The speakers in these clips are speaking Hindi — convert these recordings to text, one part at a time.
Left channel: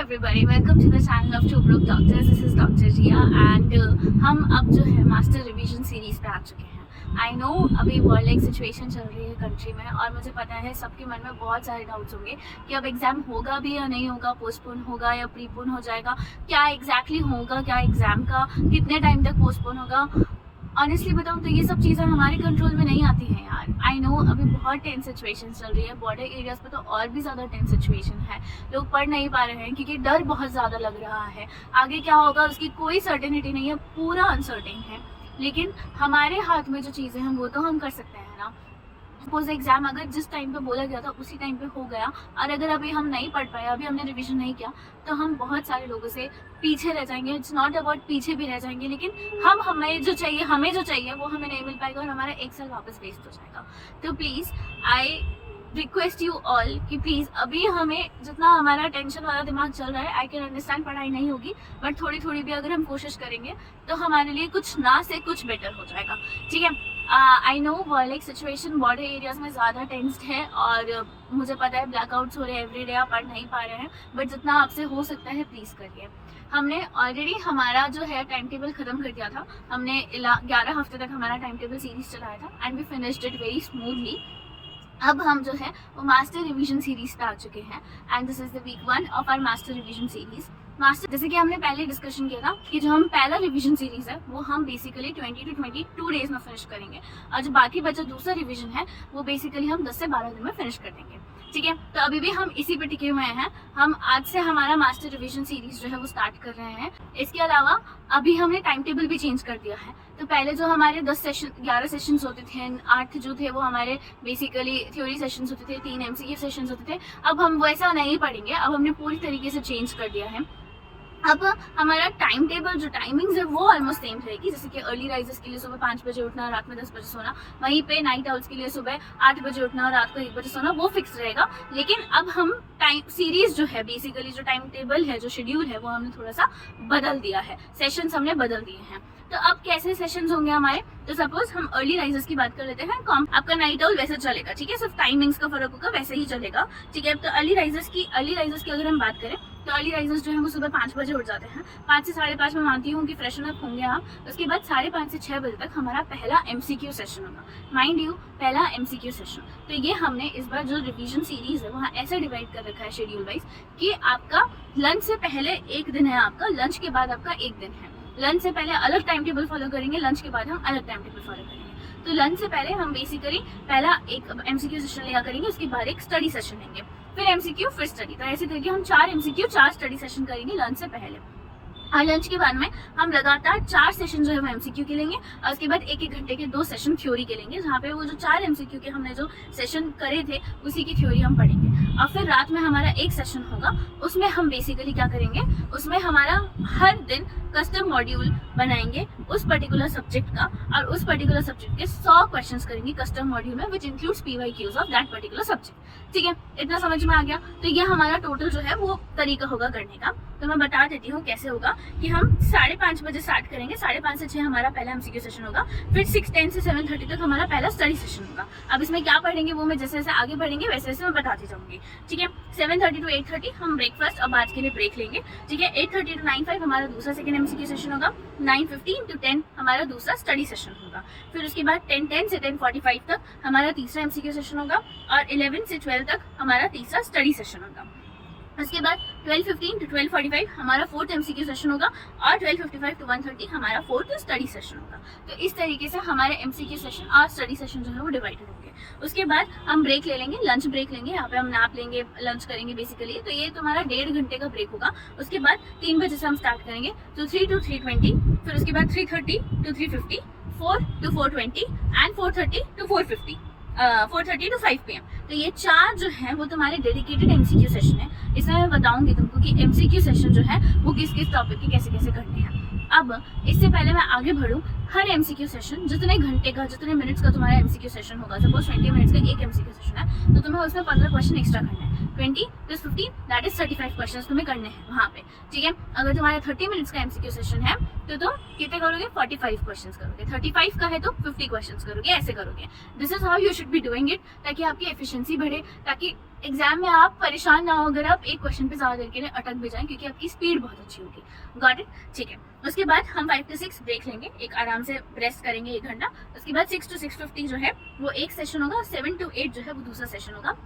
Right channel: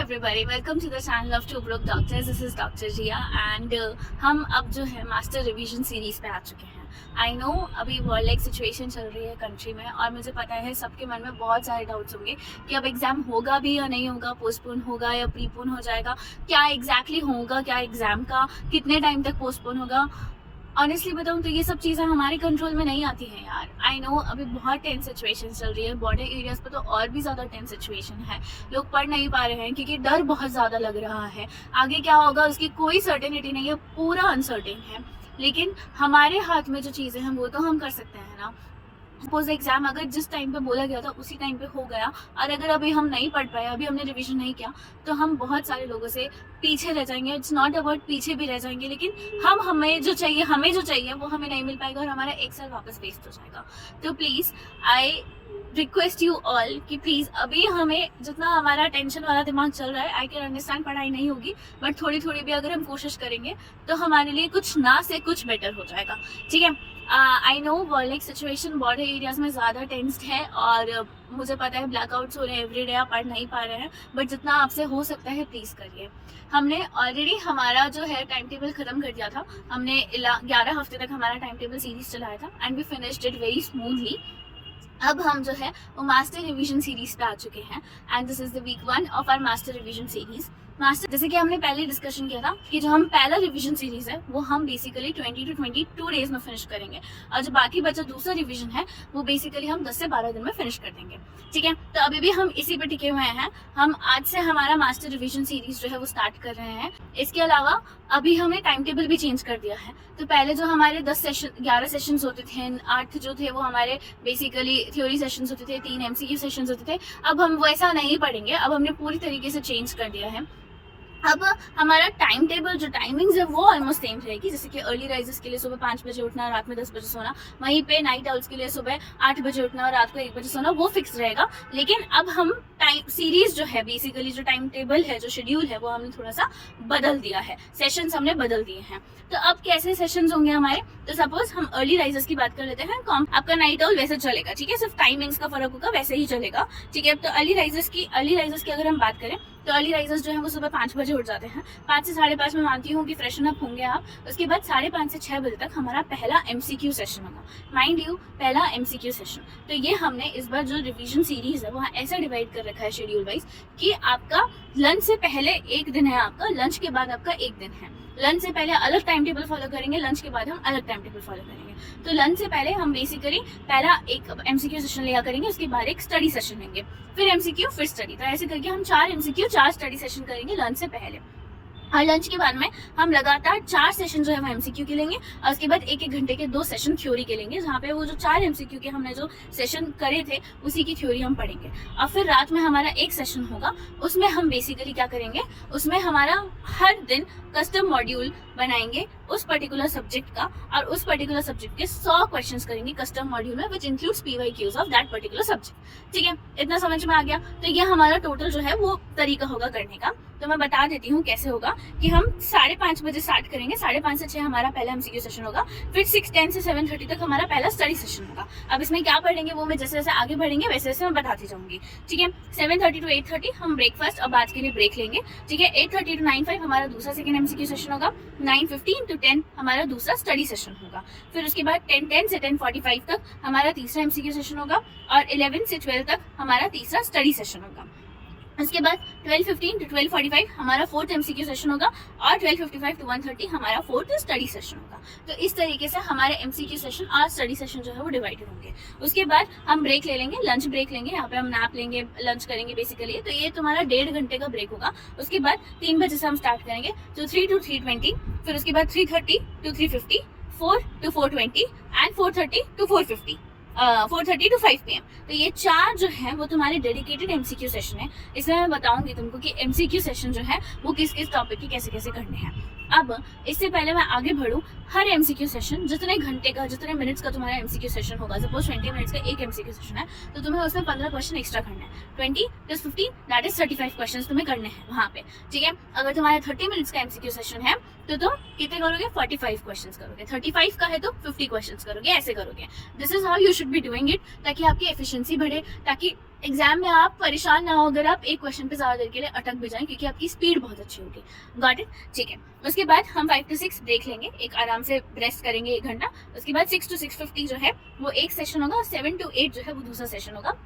everybody, welcome to the channel of Two Broke Doctors. This is Dr. Jia and हम अब जो है मास्टर रिवीजन सीरीज पे आ चुके हैं। आई नो अभी वर्ल्ड लाइक सिचुएशन चल रही है कंट्री में और मुझे पता है सबके मन में बहुत सारे डाउट्स होंगे कि अब एग्जाम होगा भी या नहीं होगा, पोस्टपोन होगा या प्रीपोन हो जाएगा, क्या एग्जैक्टली होगा, क्या एग्जाम का कितने टाइम तक पोस्टपोन होगा। ऑनेस्टली बताऊं तो ये सब चीज़ें हमारे कंट्रोल में नहीं आती हैं यार। आई नो अभी बहुत टेंस सिचुएशन चल रही है, बॉर्डर एरियाज पे तो और भी ज़्यादा टेंस सिचुएशन है। लोग पढ़ नहीं पा रहे हैं क्योंकि डर बहुत ज़्यादा लग रहा है। आगे क्या होगा उसकी कोई सर्टेनिटी नहीं है, पूरा अनसर्टेन है। लेकिन हमारे हाथ में जो चीज़ें हैं वो तो हम कर सकते हैं ना। सपोज एग्जाम अगर जिस टाइम पे बोला गया था उसी टाइम पे हो गया और अगर अभी हम नहीं पढ़ पाए, अभी हमने रिवीजन नहीं किया, तो हम बहुत सारे लोगों से पीछे रह जाएंगे। इट्स नॉट अबाउट पीछे भी रह जाएंगे, लेकिन हमें जो चाहिए वो हमें नहीं मिल पाएगा और हमारा एक साल वापस वेस्ट हो जाएगा। तो please I request you all कि प्लीज़ अभी हमें जितना हमारा टेंशन वाला दिमाग चल रहा है, आई कैन अंडरस्टैंड पढ़ाई नहीं होगी, बट थोड़ी थोड़ी भी अगर हम कोशिश करेंगे तो हमारे लिए कुछ ना से कुछ बेटर हो जाएगा। ठीक है, I know world like situation border areas में ज़्यादा टेंस्ड है और मुझे पता है ब्लैकआउट्स हो रहे हैं एवरी डे, आप पढ़ नहीं पा रहे हैं, बट जितना आपसे हो सकता है प्लीज़ करिए। हमने ऑलरेडी हमारा जो है टाइम टेबल ख़त्म कर दिया था। हमने 11 हफ्ते तक हमारा टाइम टेबल सीरीज चलाया था and we finished it very smoothly. अब हम जो है वो मास्टर रिवीजन सीरीज पे आ चुके हैं and this is the week 1 of our master revision series. Master जैसे कि हमने पहले डिस्कशन किया था कि जो हम पहला रिवीजन सीरीज है वो हम बेसिकली 20 to 22 डेज में फिनिश करेंगे और जो बाकी बचा दूसरा रिवीजन है वो बेसिकली हम 10 से 12 दिन में फिनिश कर देंगे। ठीक है, तो अभी भी हम इसी पे टिके हुए हैं। हम आज से हमारा मास्टर रिवीजन सीरीज जो है वो स्टार्ट कर रहे हैं। इसके अलावा अभी हमने टाइम टेबल भी चेंज कर दिया है। तो पहले जो हमारे 11 सेशंस होते थे, 8 जो थे वो हमारे बेसिकली थ्योरी सेशंस होते थे, 3 MCQ सेशंस होते थे। अब हम वैसा नहीं पढ़ेंगे, अब हमने पूरी तरीके से चेंज कर दिया है। अब हमारा टाइम टेबल जो टाइमिंग्स है वो ऑलमोस्ट सेम रहेगी। जैसे कि अर्ली राइजर्स के लिए सुबह 5 बजे उठना, रात में 10 बजे सोना, वहीं पे नाइट आउट्स के लिए सुबह 8 बजे उठना और रात को 1 बजे सोना, वो फिक्स रहेगा। लेकिन अब हम टाइम सीरीज जो है बेसिकली जो टाइम टेबल है, जो शेड्यूल है, वो हमने थोड़ा सा बदल दिया है, सेशंस हमने बदल दिए हैं। तो अब कैसे सेशंस होंगे हमारे, तो सपोज हम अर्ली राइजर्स की बात कर लेते हैं। आपका नाइट आउल वैसे चलेगा, ठीक है, सिर्फ टाइमिंग्स का फर्क होगा, वैसे ही चलेगा। ठीक है, तो अर्ली राइजर्स की अगर हम बात करें तो अर्ली राइजर्स जो है वो सुबह 5 बजे उठ जाते हैं। 5 से 5:30 में मानती हूँ कि फ्रेशन अप होंगे आप। उसके बाद 5:30 से 6 बजे तक हमारा पहला MCQ सेशन होगा। माइंड यू, पहला MCQ सेशन। तो ये हमने इस बार जो रिवीजन सीरीज है वहाँ ऐसा डिवाइड कर रखा है शेड्यूल वाइज कि आपका लंच से पहले एक दिन है, आपका लंच के बाद आपका एक दिन है। लंच से पहले अलग टाइम टेबल फॉलो करेंगे, लंच के बाद हम अलग टाइम टेबल फॉलो करेंगे। तो लंच से पहले हम बेसिकली पहला एक MCQ सेशन लिया करेंगे, उसके बाद एक स्टडी सेशन लेंगे, फिर MCQ फिर स्टडी। तो ऐसे करके हम 4 MCQ 4 स्टडी सेशन करेंगे लंच से पहले। और लंच के बाद में हम लगातार 4 सेशन जो है वो MCQ के लेंगे और उसके बाद 1-1 घंटे के 2 सेशन थ्योरी के लेंगे, जहाँ पे वो जो 4 MCQ के हमने जो सेशन करे थे उसी की थ्योरी हम पढ़ेंगे। और फिर रात में हमारा एक सेशन होगा, उसमें हम बेसिकली क्या करेंगे, उसमें हमारा हर दिन कस्टम मॉड्यूल बनाएंगे उस पर्टिकुलर सब्जेक्ट का और उस पर्टिकुलर सब्जेक्ट के 100 क्वेश्चंस करेंगे कस्टम मॉड्यूल में, which includes PYQs of that particular subject. ठीक है, इतना समझ में आ गया। तो ये हमारा टोटल जो है वो तरीका होगा करने का। तो मैं बता देती हूँ कैसे होगा कि हम 5:30 बजे स्टार्ट करेंगे, 5:30 से 6 हमारा पहला MCQ सेशन होगा, फिर 6:10 से 7:30 तक हमारा पहला स्टडी सेशन होगा। अब इसमें क्या पढ़ेंगे वो मैं जैसे जैसे आगे बढ़ेंगे वैसे वैसे मैं बताती जाऊंगी। ठीक है, 7:30 to 8:30 हम ब्रेकफास्ट और बात के लिए ब्रेक लेंगे। ठीक है, 8:30 to 9:05 हमारा दूसरा सेकंड MCQ सेशन होगा, 9:15 to 10 हमारा दूसरा स्टडी सेशन होगा, फिर उसके बाद 10:10 से 10:45 तक हमारा तीसरा MCQ सेशन होगा और 11 से 12 तक हमारा तीसरा स्टडी सेशन होगा। उसके बाद 12:15 to 12:45 हमारा 4th MCQ सेशन होगा और 12:55 to 1:30 हमारा 4th स्टडी सेशन होगा। तो इस तरीके से हमारे MCQ सेशन और स्टडी सेशन जो है वो डिवाइडेड होंगे। उसके बाद हम ब्रेक ले लेंगे, लंच ब्रेक लेंगे, यहाँ पे हम नैप लेंगे, लंच करेंगे बेसिकली। तो ये तुम्हारा 1.5 घंटे का ब्रेक होगा। उसके बाद 3 बजे से हम स्टार्ट करेंगे, तो 3 to 3:20, फिर उसके बाद 3:30 to 3:50, 4 to 4:20 and 4:30 to 4:50, 4:30 to 5 PM। तो ये 4 जो है वो तुम्हारे डेडिकेटेड MCQ सेशन है। इसमें मैं बताऊंगी तुमको कि MCQ सेशन जो है वो किस किस टॉपिक के कैसे कैसे करने हैं। अब इससे पहले मैं आगे बढ़ूँ, हर MCQ सेशन जितने घंटे का, जितने मिनट्स का तुम्हारा MCQ सेशन होगा, सपोज 20 मिनट्स का एक MCQ सेशन है, तो तुम्हें उसमें 15 क्वेश्चन एक्स्ट्रा करने हैं। 20 + 15 दैट इज 35 क्वेश्चन तुम्हें करने हैं वहाँ पे। ठीक है, अगर तुम्हारा 30 मिनट्स का MCQ सेशन है तो कितने करोगे, 45 क्वेश्चन करोगे। 35 का है तो 50 क्वेश्चन करोगे, ऐसे करोगे। This is how you should be doing it, ताकि आपकी एफिशिएंसी बढ़े, ताकि एग्जाम में आप परेशान ना हो अगर आप एक क्वेश्चन पे ज़्यादा देर के लिए अटक भी जाएं, क्योंकि आपकी स्पीड बहुत अच्छी होगी। Got it? ठीक है। उसके बाद हम 5 to 6 ब्रेक लेंगे, एक आराम से रेस्ट करेंगे 1 घंटा। उसके बाद 6 to 6:50 जो है वो एक सेशन होगा, और 7 to 8 जो है वो दूसरा सेशन होगा।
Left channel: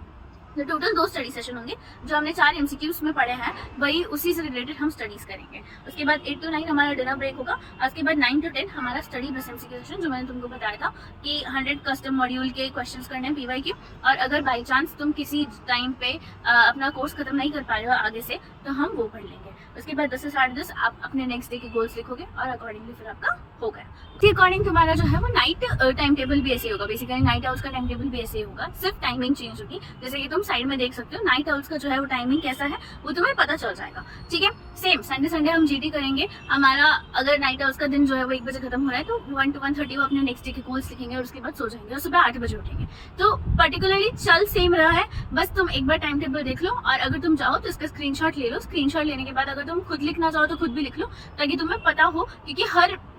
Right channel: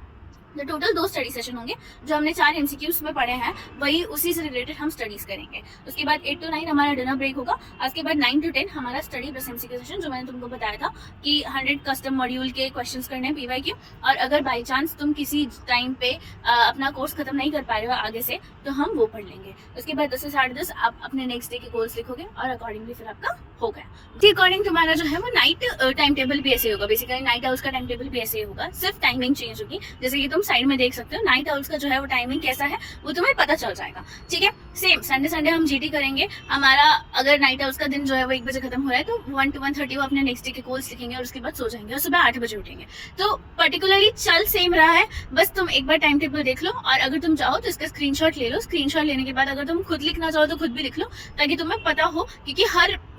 तो टोटल 2 स्टडी सेशन होंगे। जो हमने 4 MCQs में पढ़े हैं वही उसी से रिलेटेड हम स्टडीज करेंगे। उसके बाद 8 to 9 हमारा डिनर ब्रेक होगा। उसके बाद 9 to 10 हमारा स्टडी प्लस MCQ सेशन, जो मैंने तुमको बताया था कि 100 कस्टम मॉड्यूल के क्वेश्चंस करने हैं PYQ। और अगर बाई चांस तुम किसी टाइम पे अपना कोर्स खत्म नहीं कर पा रहे हो आगे से, तो हम वो पढ़ लेंगे। उसके बाद 10 से 10:30 आप अपने नेक्स्ट डे के गोल्स लिखोगे, और अकॉर्डिंगली फिर आपका हो गया। उसके अकॉर्डिंग तुम्हारा जो है वो नाइट टाइम टेबल भी ऐसे होगा। बेसिकली नाइट आउट्स का टाइम टेबल भी ऐसे होगा, सिर्फ टाइमिंग चेंज होगी। जैसे कि तुम साइड में देख सकते हो, नाइट आउट्स का जो है वो टाइमिंग कैसा है वो तुम्हें पता चल जाएगा। ठीक है। सेम संडे हम GT करेंगे। हमारा अगर नाइट आउट्स का दिन जो है वो 1 बजे खत्म हो रहा है, तो 1 to 1:30 वो अपने नेक्स्ट डे के गोल्स लिखेंगे, और उसके बाद सो जाएंगे, और सुबह 8 बजे उठेंगे। तो पर्टिकुलरली चल सेम रहा है, बस तुम एक बार टाइम टेबल देख लो, और अगर तुम चाहो तो इसका स्क्रीनशॉट ले लो। स्क्रीनशॉट लेने के बाद अगर तुम खुद लिखना चाहो तो खुद भी लिख लो, ताकि तुम्हें पता हो, क्योंकि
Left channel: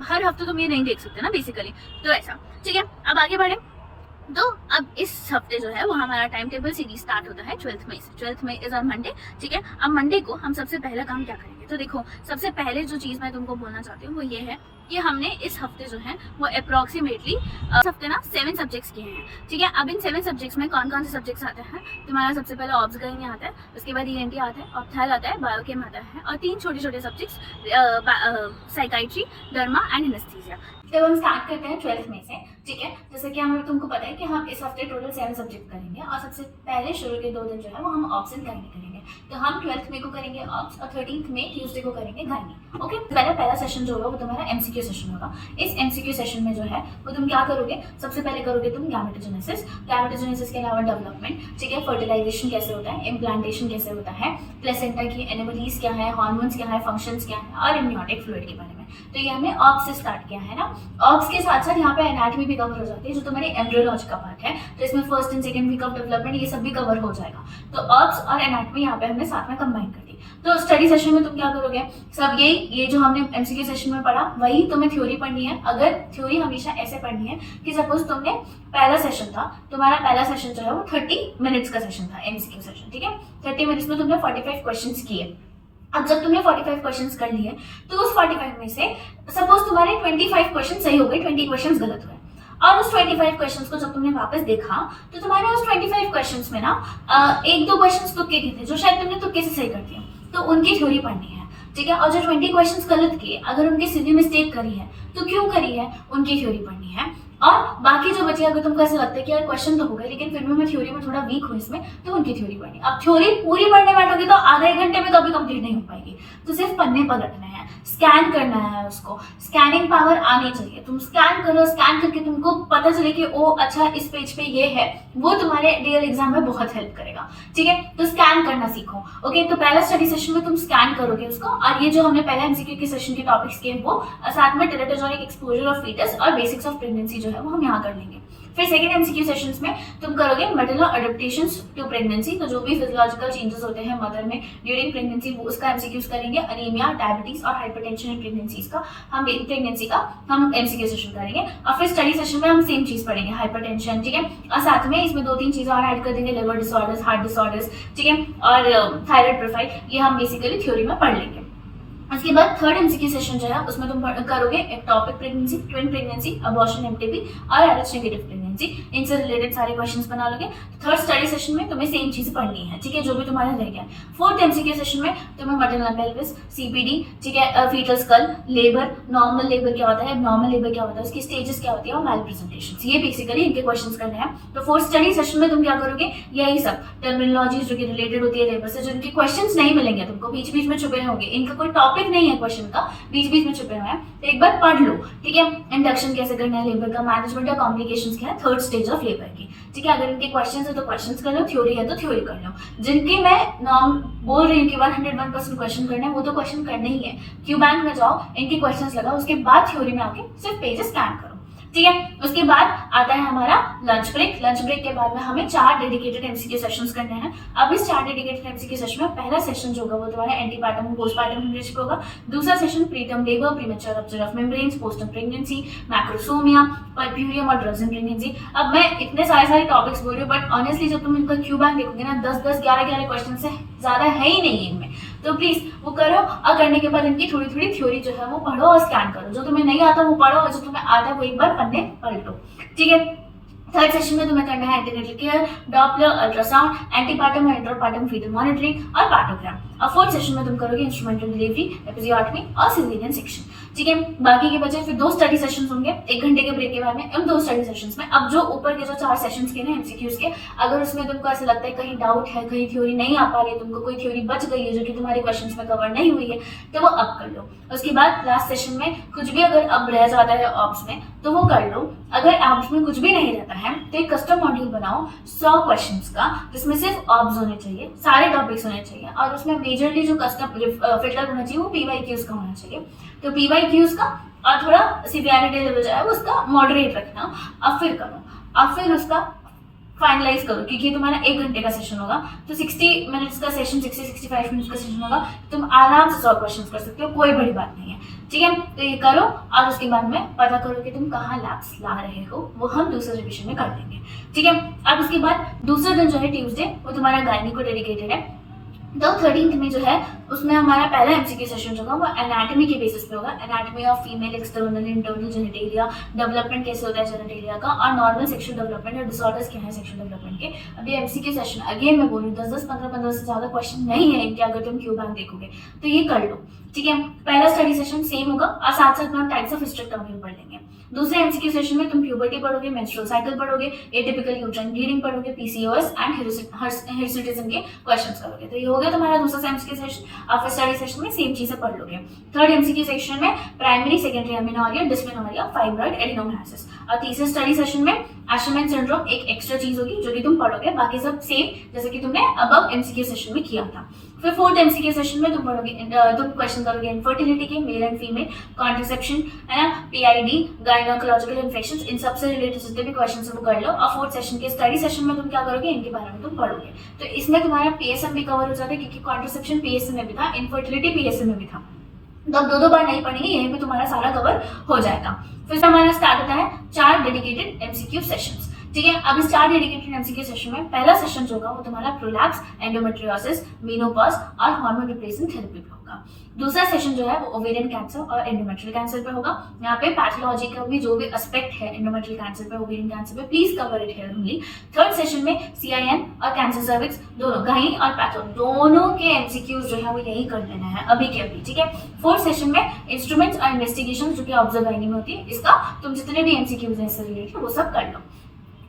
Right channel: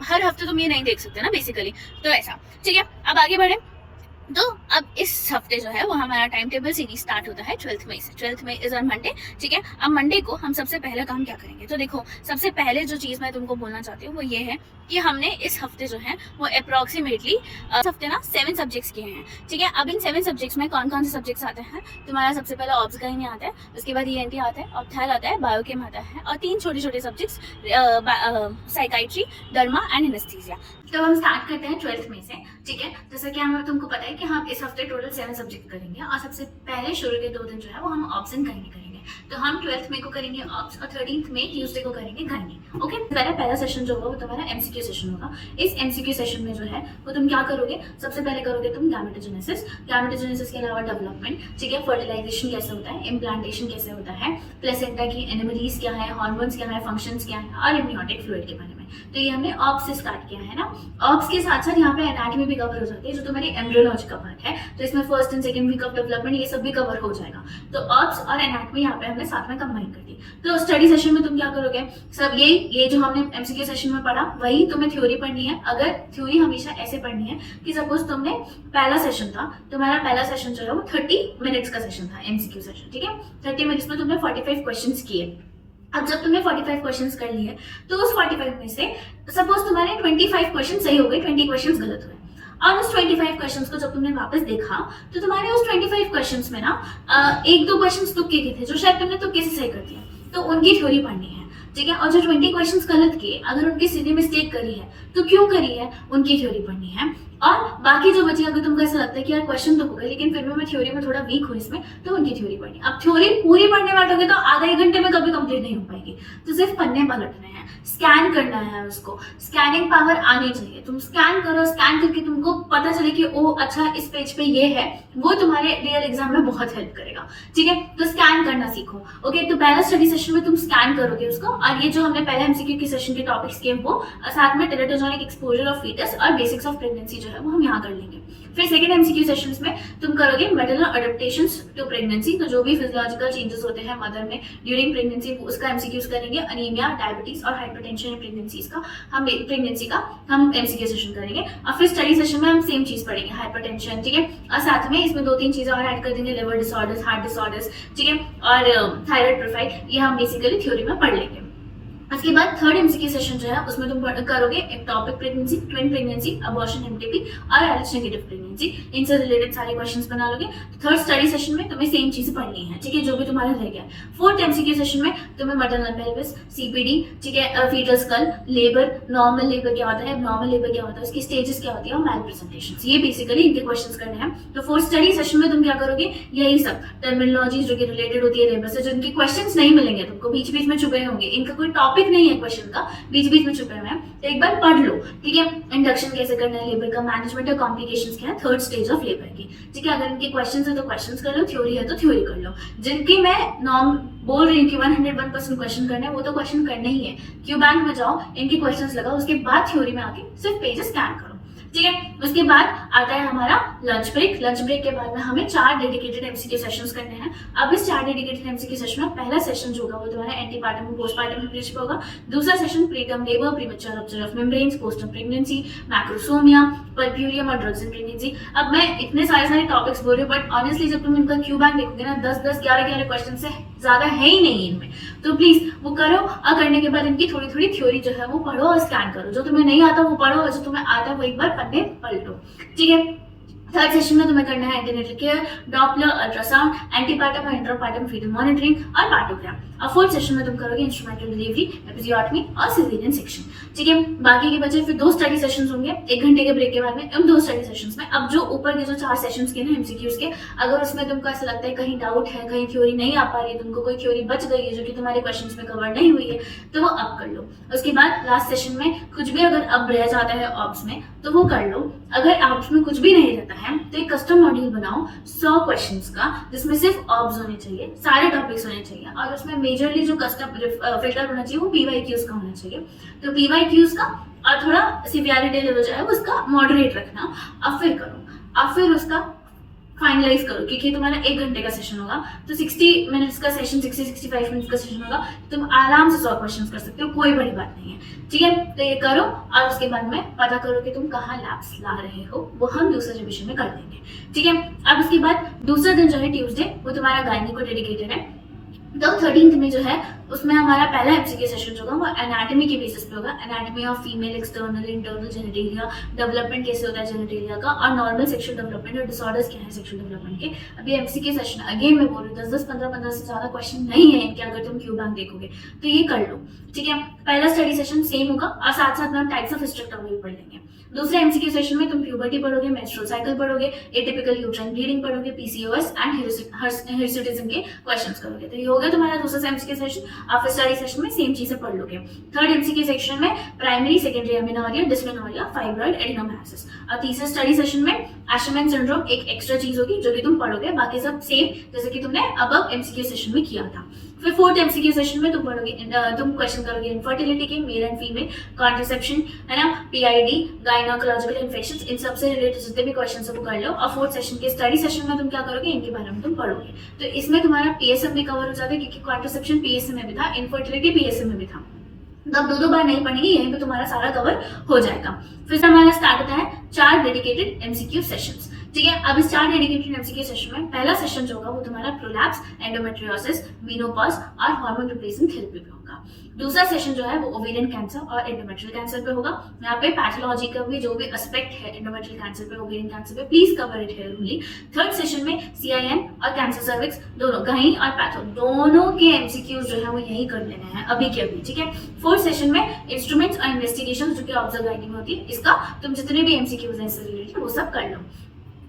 हर हफ्ते तुम ये नहीं देख सकते ना बेसिकली। तो ऐसा। ठीक है। अब आगे बढ़े। तो अब इस हफ्ते जो है वो हमारा टाइम टेबल सीरीज स्टार्ट होता है 12th मई से। 12th May is on Monday. ठीक है। अब मंडे को हम सबसे पहला काम क्या करेंगे? तो देखो, सबसे पहले जो चीज मैं तुमको बोलना चाहती हूँ वो ये है कि हमने इस हफ्ते जो है वो अप्रोक्सीमेटली इस हफ्ते ना 7 सब्जेक्ट्स किए हैं। ठीक है। अब इन 7 सब्जेक्ट्स में कौन कौन से सब्जेक्ट्स आते हैं? तुम्हारा सबसे पहले ऑब्स गाइनी आता है, उसके बाद ENT आता है, ऑप्थेल आता है, बायोकेम आता है, और 3 छोटे छोटे subjects psychiatry, derma and anaesthesia. तो हम स्टार्ट करते हैं 12th मई से। ठीक है। जैसे कि हमें तुमको पता है कि हम इस हफ्ते टोटल 7 सब्जेक्ट करेंगे, और सबसे पहले शुरू के 2 दिन जो है वो हम ऑप्स एंड गाइनी करेंगे। तो हम 12th मई को करेंगे ऑप्स, और 13th मई ट्यूसडे को करेंगे गाइनी। ओके। पहला सेशन जो होगा वो तुम्हारा MCQ सेशन होगा। इस MCQ सेशन में जो है वो तुम क्या करोगे? सबसे पहले करोगे तुम गैमेटोजेनेसिस के अलावा डेवलपमेंट। ठीक है। फर्टिलाइजेशन कैसे होता है, इम्प्लांटेशन कैसे होता है, प्लेसेंटा की एनिमलीज क्या है, हार्मोन्स क्या है, फंक्शंस क्या है, और एमनियोटिक फ्लूइड के बारे में। तो ये हमने ऑप्स से स्टार्ट किया है ना। ऑप्स के साथ साथ यहाँ पे एनाटॉमी भी कवर हो जाती है, जो तुम्हारी एम्ब्रियोलॉजी का पार्ट है। तो इसमें first and second week of development ये सब भी कवर हो जाएगा। तो ऑप्स और एनाटॉमी यहाँ पे हमने साथ में कंबाइन कर दी। तो स्टडी सेशन में तुम क्या करोगे? सब ये जो हमने MCQ सेशन में पढ़ा वही तुम्हें थ्योरी पढ़नी है। अगर थ्योरी हमेशा ऐसे पढ़नी है कि सपोज तुमने पहला सेशन था, तुम्हारा पहला सेशन जो है वो 30 मिनट्स का सेशन था, MCQ सेशन। ठीक है। 30 मिनट्स में तुमने 45 क्वेश्चन किए। अब जब तुमने 45 क्वेश्चंस कर लिए, तो उस 45 में से सपोज तुम्हारे 25 क्वेश्चन सही हो गए, 20 क्वेश्चंस गलत हुए। और उस 25 क्वेश्चंस को जब तुमने वापस देखा, तो तुम्हारे उस 25 क्वेश्चंस में ना 1-2 क्वेश्चंस तुक्के के थे, जो शायद तुमने तुक्के से सही कर दिया, तो उनकी थ्योरी पढ़नी है। ठीक है। और जो 20 क्वेश्चंस गलत किए, अगर उनकी सीधी मिस्टेक करी है तो क्यों करी है, उनकी थ्योरी पढ़नी है। और बाकी जो बचे, अगर तुमको ऐसा लगता है कि यार क्वेश्चन तो हो गए लेकिन फिर भी मैं थ्योरी में थोड़ा वीक हूँ इसमें, तो उनकी थ्योरी पढ़नी। अब थ्योरी पूरी पढ़ने बैठोगे तो आधा 1 घंटे में कभी कंप्लीट नहीं हो पाएगी। तो सिर्फ पन्ने पलटने हैं, स्कैन करना है उसको, स्कैनिंग पावर आनी चाहिए। तुम स्कैन करो, स्कैन करके तुमको पता चले कि ओ अच्छा इस पेज पे ये है, वो तुम्हारे रियल एग्जाम में बहुत हेल्प करेगा। ठीक है। तो स्कैन करना सीखो। ओके। तो पहला स्टडी सेशन में तुम स्कैन करोगे उसको, और ये जो हमने पहले MCQ की सेशन के टॉपिक्स किए वो साथ में टेराटोजोनिक एक्सपोजर ऑफ फीटस और बेसिक्स ऑफ प्रेगनेंसी जो है वो हम यहाँ कर लेंगे। फिर सेकंड MCQ सेशंस में तुम करोगे मैटरनल अडेप्टेशंस टू प्रेगनेंसी। तो जो भी फिजियोलॉजिकल चेंजेस होते हैं मदर में ड्यूरिंग प्रेगनेंसी, वो उसका MCQs करेंगे। अनीमिया, डायबिटीज और हाइपरटेंशन इन प्रेगनेंसीज का हम MCQ सेशन करेंगे। और फिर स्टडी सेशन में हम सेम चीज पढ़ेंगे, हाइपरटेंशन। ठीक है। और साथ में इसमें 2-3 चीजें और ऐड कर देंगे, लिवर डिसऑर्डर्स, हार्ट डिसऑर्डर्स। ठीक है। और थायराइड प्रोफाइल, ये हम बेसिकली थ्योरी में पढ़ लेंगे। उसके बाद थर्ड MCQ सेशन जो है उसमें तुम करोगे ectopic pregnancy, twin pregnancy, abortion, MTP और RH नेगेटिव प्रेगनेंसी। इनसे रिलेटेड सारे क्वेश्चंस बना लोगे। थर्ड स्टडी सेशन में तुम्हें सेम चीज पढ़नी है। ठीक है। जो भी तुम्हारे रह गया। फोर्थ MCQ सेशन में तुम्हें मैटरनल पेल्विस, CPD, ठीक है, fetal skull, labour, normal labour क्या होता है, एबनॉर्मल लेबर क्या होता है, उसकी स्टेजेस क्या होती है, और मैल प्रेजेंटेशन, ये बेसिकली इनके क्वेश्चंस करने हैं। तो फोर्थ स्टडी सेशन में तुम क्या करोगे? यही सब टर्मिनोलॉजी जो कि रिलेटेड होती है लेबर से, जो इनके क्वेश्चंस नहीं मिलेंगे तुमको, बीच बीच में छुपे होंगे, इनका कोई टॉपिक नहीं है क्वेश्चन का, बीच बीच में छुपे हुए हैं, तो एक बार पढ़ लो। ठीक है। इंडक्शन कैसे करना है लेबर का, मैनेजमेंट और कॉम्प्लिकेशंस क्या है थर्ड स्टेज ऑफ लेबर की। ठीक है। अगर इनके क्वेश्चंस है तो क्वेश्चंस कर लो, थ्योरी है तो थ्योरी कर लो। जिनके मैं नॉर्म बोल रही हूँ कि 101% क्वेश्चन करने हैं, वो तो क्वेश्चन करने ही है। क्यू बैंक में जाओ, इनके क्वेश्चंस लगाओ, उसके बाद थ्योरी में आके सिर्फ पेज स्कैन करो। ठीक है। उसके बाद आता है हमारा लंच ब्रेक। लंच ब्रेक के बाद में हमें 4 डेडिकेटेड एमसीक्यू सेशंस करने हैं। अब इस 4 डेडिकेटेड एमसीक्यू सेशन में पहला सेशन जो होगा वो तुम्हारा एंटीपार्टम पोस्टपार्टम हेमरेज पे होगा। दूसरा session preterm labour, premature rupture of membranes, postterm pregnancy, macrosomia, puerperium और ड्रग्स इन प्रेगनेंसी। अब मैं इतने सारे टॉपिक्स बोल रही हूँ, बट ऑनेस्टली जब तुम इनका क्यू बैंक देखोगे ना, 10-10, 11-11 क्वेश्चन से ज्यादा है ही नहीं इनमें। तो प्लीज वो करो, और करने के बाद इनकी थोड़ी थोड़ी थ्योरी जो है वो पढ़ो और स्कैन करो। जो तुम्हें नहीं आता वो पढ़ो, और जो तुम्हें आता है वो एक बार पन्ने पलटो, ठीक है। थर्ड सेशन में तुम्हें करना है antenatal care, Doppler, ultrasound, antepartum और इंटरपार्टम फीटल मॉनिटरिंग और पार्टोग्राम। और फोर्थ सेशन में तुम करोगे इंस्ट्रूमेंटल डिलीवरी, एपिजियोटमी और सिजेरियन सेक्शन, ठीक है। बाकी के बचे फिर 2 स्टडी सेशंस होंगे 1 घंटे के ब्रेक के बाद में। उन 2 स्टडी सेशंस में अब जो ऊपर के जो 4 सेशंस के ना एमसीक्यूज के, अगर उसमें तुमको ऐसा लगता है कहीं डाउट है, कहीं थ्योरी नहीं आ पा रही है, तुमको कोई थ्योरी बच गई है जो कि तुम्हारे क्वेश्चंस में कवर नहीं हुई है, तो वो अब कर लो। उसके बाद लास्ट सेशन में कुछ भी अगर अब रह जाता है ऑब्स में तो वो कर लो। अगर ऑब्स में कुछ भी नहीं रहता है तो एक कस्टम मॉड्यूल बनाओ 100 क्वेश्चंस का, जिसमें सिर्फ ऑब्स होने चाहिए, सारे टॉपिक्स होने चाहिए, और उसमें मेजरली जो कस्टम फिल्टर होना चाहिए वो पीवाईक्यूज का होना चाहिए। तो पीवाईक्यूज का और थोड़ा सीवियरिटी लेवल जो है वो उसका मॉडरेट रखना, अब फिर करो, अब फिर उसका फाइनलाइज करो, क्योंकि तुम्हारा 1 घंटे का सेशन होगा, तो 60 मिनट्स का सेशन, 60-65 मिनट्स का सेशन होगा, तुम आराम से 100 क्वेश्चन कर सकते हो, कोई बड़ी बात नहीं है, ठीक है। तो ये करो, और उसके बाद में पता करो कि तुम कहाँ लैप्स ला रहे हो, वो हम दूसरे रिविजन में कर देंगे, ठीक है। अब उसके बाद दूसरा दिन जो है ट्यूसडे, वो तुम्हारा गायनी को डेडिकेटेड है। तो 13th में जो है उसमें हमारा पहला एमसीक्यू सेशन जो होगा वो एनाटॉमी के बेसिस पे होगा। Anatomy of female external internal genitalia, development कैसे होता है जेनिटेलिया का, और नॉर्मल सेक्सुअल डेवलपमेंट और डिसऑर्डर्स क्या है सेक्सुअल डेवलपमेंट के। अभी एमसीक्यू सेशन अगेन मैं बोल रही हूँ 10-10, 15-15 से ज्यादा क्वेश्चन नहीं है इनके, अगर तुम क्यू बैंक देखोगे तो ये कर लो, ठीक है। पहला स्टडी सेशन सेम होगा, और साथ साथ में टाइप्स ऑफ हिस्टेरेक्टोमी भी पढ़ लेंगे। दूसरे एमसीक्यू सेशन में तुम प्यूबर्टी पढ़ोगे, मेंस्ट्रुअल साइकिल पढ़ोगे, एटिपिकल यूट्राइन ब्लीडिंग पढ़ोगे, पीसीओएस एंड हिर्सुटिज्म के क्वेश्चंस करोगे। तो ये हो गया तुम्हारा दूसरा एमसीक्यू सेशन। आप स्टडी सेशन में सेम चीजें पढ़ लोगे। थर्ड एमसीक्यू सेक्शन में primary secondary amenorrhoea, dysmenorrhoea, fibroid, adenomyosis. और तीसरे स्टडी सेशन में एशरमैन सिंड्रोम एक एक्स्ट्रा चीज होगी जो कि तुम पढ़ोगे, बाकी सब सेम जैसे कि तुमने अब एमसीक्यू सेशन में किया था। फिर फोर्थ एमसीक्यू सेशन में तुम पढ़ोगे, तुम क्वेश्चन करोगे इनफर्टिलिटी के, मेल एंड फीमेल, कॉन्ट्रासेप्शन, है ना, पीआईडी, गायनोकोलॉजिकल इन्फेक्शंस, इन सबसे रिलेटेड जितने भी क्वेश्चन है वो कर लो। और फोर्थ सेशन के स्टडी सेशन में तुम क्या करोगे, इनके बारे में तुम पढ़ोगे। तो इसमें तुम्हारा पीएसएम भी कवर हो जाता है, क्योंकि कॉन्ट्रासेप्शन पीएसएम में भी था, इनफर्टिलिटी पीएसएम में भी था। तो अब 2-2 बार नहीं पढ़ेंगे, यहीं पे तुम्हारा सारा कवर हो जाएगा। फिर हमारा स्टार्ट होता है 4 डेडिकेटेड एमसीक्यू सेशंस, ठीक है। अब इस 4 डेडिकेटेड एमसीक्यू सेशन में पहला सेशन जो होगा वो तुम्हारा प्रोलैप्स, एंडोमेट्रियोसिस, मेनोपॉज और हार्मोन रिप्लेसमेंट थेरेपी पे होगा। दूसरा सेशन जो है वो ओवेरियन कैंसर और एंडोमेट्रियल कैंसर पे होगा। यहाँ पे पैथोलॉजी का भी जो भी एस्पेक्ट है एंडोमेट्रियल कैंसर पे, ओवेरियन कैंसर पे, please cover it here only. Third session में सीआईएन और कैंसर सर्विक्स दोनों, गायनी और पैथो दोनों के एमसीक्यूज जो है वो यही कर लेना है अभी के अभी, ठीक है। फोर्थ सेशन में इंस्ट्रूमेंट्स और इन्वेस्टिगेशन जो कि ऑब्जर्व गायनी में होती है, इसका तुम जितने भी एमसीक्यूज हैं इससे रिलेटेड वो सब कर लो।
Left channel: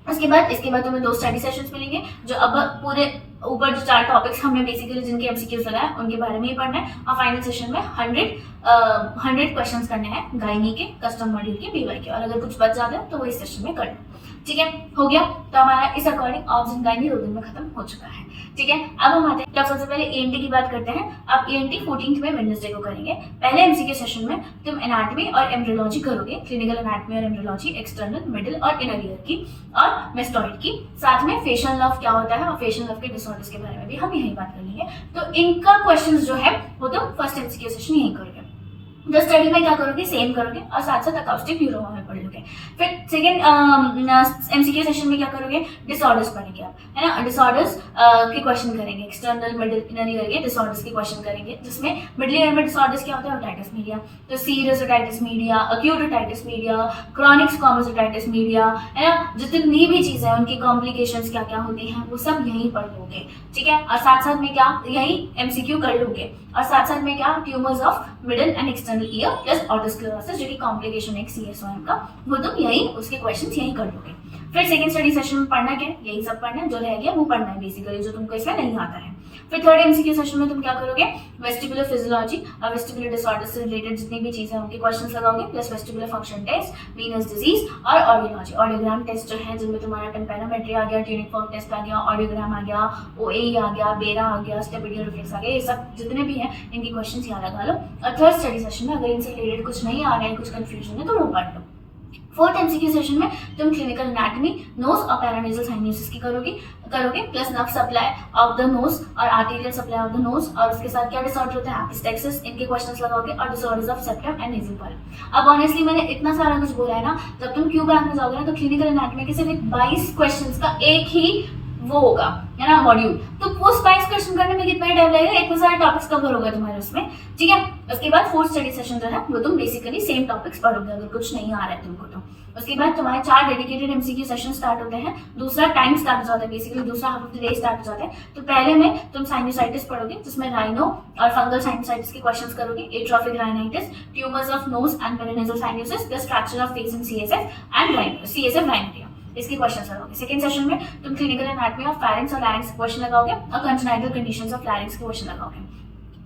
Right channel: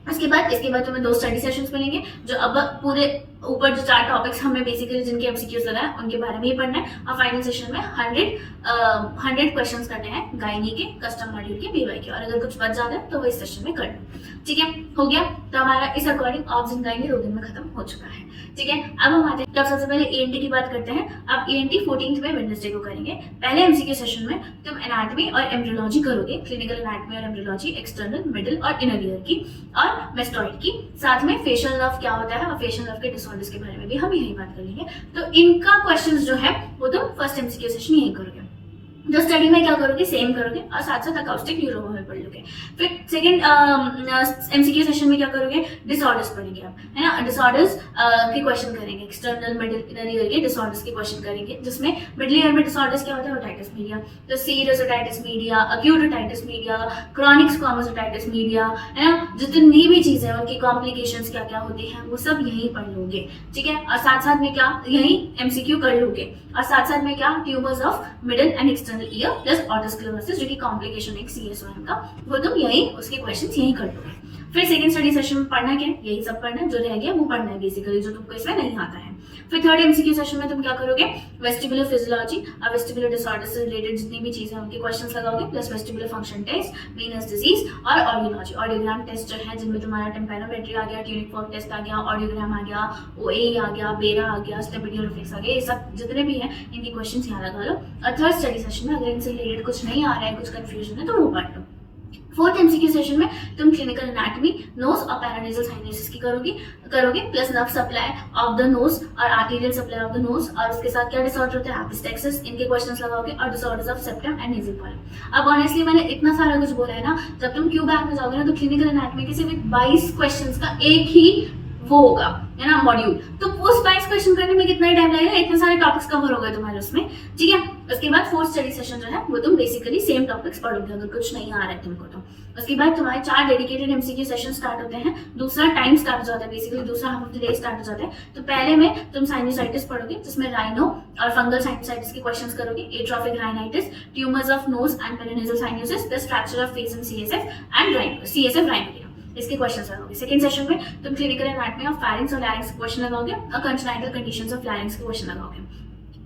इसके बाद तुम्हें 2 स्टडी सेशंस मिलेंगे, जो अब पूरे ऊपर जो 4 टॉपिक्स हमने बेसिकली जिनके एमसीक्यूज लगाए उनके बारे में ही पढ़ना है। और फाइनल सेशन में 100 क्वेश्चंस करने हैं गायनी के, कस्टम मॉड्यूल के, पीवाई के, और अगर कुछ बच जाता है तो वो इस सेशन में कर लो, ठीक है। हो गया, तो हमारा इस अकॉर्डिंग ऑब्स इन गायनी 2 दिन में खत्म हो चुका है, ठीक है। अब हम आते हैं, तब सबसे पहले एएनटी की बात करते हैं। अब एएनटी 14th में वेडनेसडे को करेंगे। पहले एमसीक्यू सेशन में तुम एनाटॉमी और एम्ब्रियोलॉजी करोगे, क्लिनिकल एनाटॉमी और एम्ब्रियोलॉजी, एक्सटर्नल, मिडिल और इनर ईयर की, और मेस्टॉइड की। साथ में फेशियल नर्व क्या होता है और फेशियल नर्व के डिसऑर्डर्स के बारे में भी हम यही बात कर लेंगे। तो इनका क्वेश्चंस जो है वो तुम फर्स्ट एमसीक्यू सेशन यही करोगे। जो स्टडी में क्या करोगे, सेम करोगे, और साथ साथ अकाउस्टिक न्यूरोमा में पढ़ लोगे। फिर सेकंड एमसीक्यू सेशन में क्या करोगे, डिसऑर्डर्स पढ़ेंगे आप, है ना। डिसऑर्डर्स के क्वेश्चन करेंगे, एक्सटर्नल, मिडिल, इनर ईयर के डिसऑर्डर्स के क्वेश्चन करेंगे, जिसमें मिडिल ईयर में डिसऑर्डर्स क्या होता है, ओटाइटिस मीडिया, तो serious otitis media, acute otitis media, chronic squamous otitis media, है ना। जितनी भी चीजें हैं उनकी कॉम्प्लिकेशंस क्या क्या होती हैं वो सब यहीं पढ़ लोगे, ठीक है। और साथ साथ में क्या यही एमसीक्यू कर लोगे, और साथ साथ में क्या tumours of middle and external ear plus otosclerosis जो कि कॉम्प्लिकेशन एक सीएसओएम का, वो तुम यही उसके क्वेश्चंस यही कर लोगे। फिर सेकंड स्टडी सेशन में पढ़ना क्या, यही सब पढ़ना है, जो रह गया वो पढ़ना है बेसिकली, जो तुमको इसमें नहीं आता है। फिर थर्ड एमसीक्यू सेशन में तुम क्या करोगे, वेस्टिबुलर फिजियोलॉजी और वेस्टिबुलर डिसऑर्डर से रिलेटेड जितनी भी चीजें उनके क्वेश्चंस लगाओगे, plus vestibular function test, venous disease और ऑडियोलॉजी, ऑडियोग्राम टेस्ट जो है जिनमें तुम्हारा टेम्पेरोमेट्री आ गया, ट्यूनिक फॉर्म टेस्ट आ गया, ऑडियोग्राम आ गया, ओए आ गया, बेरा आ गया, स्टेबिलिटी रिफ्लेक्स आ गया, ये सब जितने भी हैं इनके क्वेश्चंस यहाँ लगा लो। और थर्ड स्टडी सेशन में अगर इनसे रिलेटेड कुछ नहीं आ रहा है, कुछ कंफ्यूजन है, तो वो पढ़ लो। फोर्थ एमसीक्यू सेशन में तुम क्लिनिकल एनाटॉमी, नोज और पैरानेजल साइनोसिस की करोगे plus nerve supply of the nose और arterial supply of the nose, और उसके साथ क्या डिसऑर्डर होता है, एपिस्टेक्सिस, इनके क्वेश्चंस लगाओगे, और disorders of septum and nasal polyp. अब ऑनेस्टली मैंने इतना सारा कुछ बोला है ना, जब तुम क्यू बैंक में जाओगे ना तो क्लिनिकल एनाटॉमी के सिर्फ 22 क्वेश्चंस का एक ही वो होगा, है ना, मॉड्यूल। तो वो 22 क्वेश्चन करने में कितना टाइम लगेगा, इतने सारे टॉपिक्स कवर होगा तुम्हारे उसमें, ठीक है। उसके बाद फोर्थ स्टडी सेशन जो है वो तुम बेसिकली सेम टॉपिक्स पढ़ोगे अगर कुछ नहीं आ रहा है तुमको तो। उसके बाद तुम्हारे 4 डेडिकेटेड एमसीक्यू सेशन स्टार्ट होते हैं, दूसरा टाइम स्टार्ट हो जाता है, बेसिकली दूसरा half of the day start हो जाता है। तो पहले में तुम साइनोसाइटिस पढ़ोगे जिसमें राइनो और फंगल साइनोसाइटिस के क्वेश्चंस करोगे, atrophic rhinitis, tumours of nose and paranasal sinuses, the fracture of face and CSF rhinorrhoea, इसके क्वेश्चंस लगाओगे। सेकंड सेशन में तुम क्लिनिकल एनाटॉमी ऑफ फेरिंक्स और लैरिंक्स क्वेश्चन लगाओगे और कंजेनिटल कंडीशंस ऑफ लैरिंक्स के क्वेश्चन लगाओगे।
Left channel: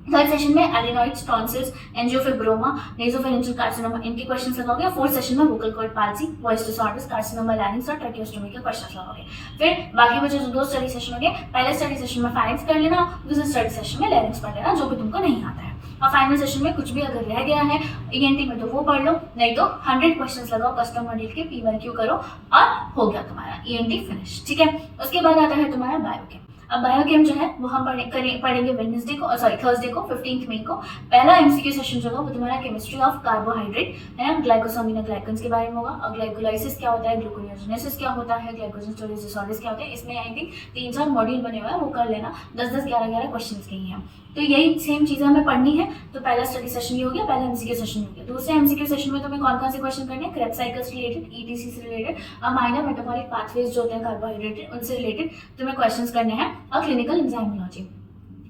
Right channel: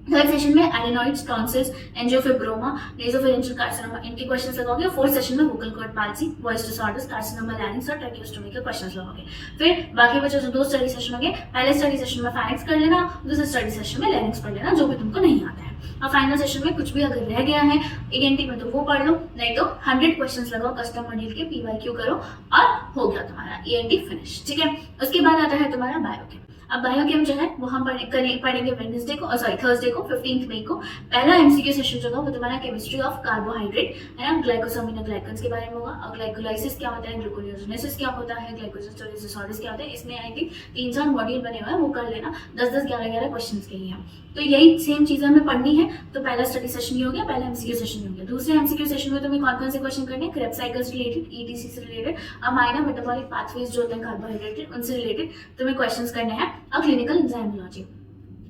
थर्ड सेशन में adenoids, tonsils, angiofibroma, nasopharyngeal carcinoma, इनके क्वेश्चंस लगाओगे। फोर्थ सेशन में vocal cord palsy, voice disorders, carcinoma larynx और ट्रैकियोस्टोमी के क्वेश्चंस लगाओगे। फिर बाकी बचे जो 2 स्टडी सेशन होंगे, पहले स्टडी सेशन में फेरिंक्स कर लेना, दूसरे स्टडी सेशन में लैरिंक्स पढ़ लेना, जो भी तुमको नहीं आता है। और फाइनल सेशन में कुछ भी अगर रह गया है ईएनटी में तो वो पढ़ लो, नहीं तो 100 क्वेश्चंस लगाओ कस्टम मॉड्यूल के, पीवाईक्यू करो और हो गया तुम्हारा ईएनटी फिनिश, ठीक है। उसके बाद आता है तुम्हारा बायोकेम। अब बायोकेम जो है वो हम पढ़ेंगे वेडनेसडे को, थर्सडे को 15 मई को। पहला एमसीक्यू सेशन जो होगा वो तुम्हारा केमिस्ट्री ऑफ कार्बोहाइड्रेट, है ना, ग्लाइकोसामिनोग्लाइकन्स के बारे में होगा, और ग्लाइकोलाइसिस क्या होता है, ग्लूकोनियोजेनेसिस क्या होता है, ग्लाइकोजन स्टोरेज डिसऑर्डर्स क्या होते हैं। इसमें आई थिंक 3-4 मॉड्यूल बने हुए हैं, वो कर लेना, 10-10, 11-11 क्वेश्चंस के ही हैं। तो यही सेम चीज़ें हमें पढ़नी है। तो पहला स्टडी सेशन ये हो गया, पहला एमसीक्यू सेशन ये हो गया। दूसरे एमसीक्यू सेशन में तुम्हें कौन से क्वेश्चन करने हैं, क्रेब्स साइकिल्स रिलेटेड, ईटीसी से रिलेटेड, माइनर मेटाबॉलिक पाथवेज जो होते हैं कार्बोहाइड्रेट उनसे रिलेटेड तुम्हें क्वेश्चंस करने हैं, और क्लिनिकल एंजाइमोलॉजी।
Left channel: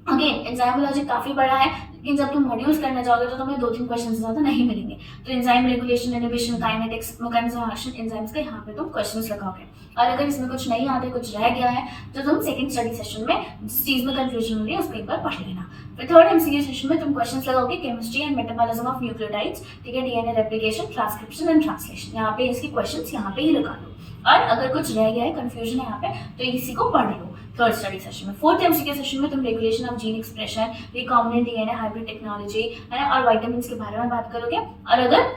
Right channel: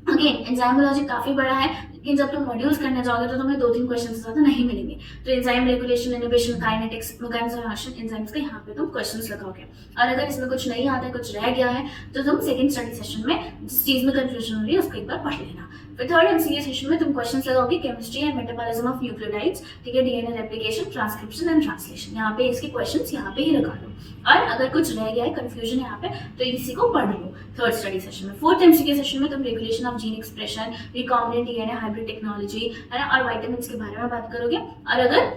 अगेन एंजाइमोलॉजी काफी बड़ा है, लेकिन जब तुम मॉड्यूल्स करने जाओगे तो तुम्हें 2-3 क्वेश्चन से ज्यादा नहीं मिलेंगे। तो enzyme regulation, inhibition, kinetics, mechanism of action enzymes के यहाँ पे तुम क्वेश्चंस लगाओगे। और अगर इसमें कुछ नहीं आता है, कुछ रह गया है, तो तुम सेकंड स्टडी सेशन में जिस चीज में कंफ्यूजन हो रही है उसको एक बार पढ़ लेना। फिर थर्ड एमसीक्यू सेशन में तुम क्वेश्चंस लगाओगे chemistry and metabolism of nucleotides, ठीक है, DNA replication, transcription and translation, यहाँ पे इसके क्वेश्चंस यहाँ पे ही लगा लो। और अगर कुछ रह गया है, कंफ्यूजन है यहाँ पे, तो इसी को पढ़ लो थर्ड स्टडी सेशन में। फोर्थ एमसीक्यू सेशन में तुम regulation of gene expression, recombinant DNA, hybrid technology, है ना, और विटामिन्स के बारे में बात करोगे। और अगर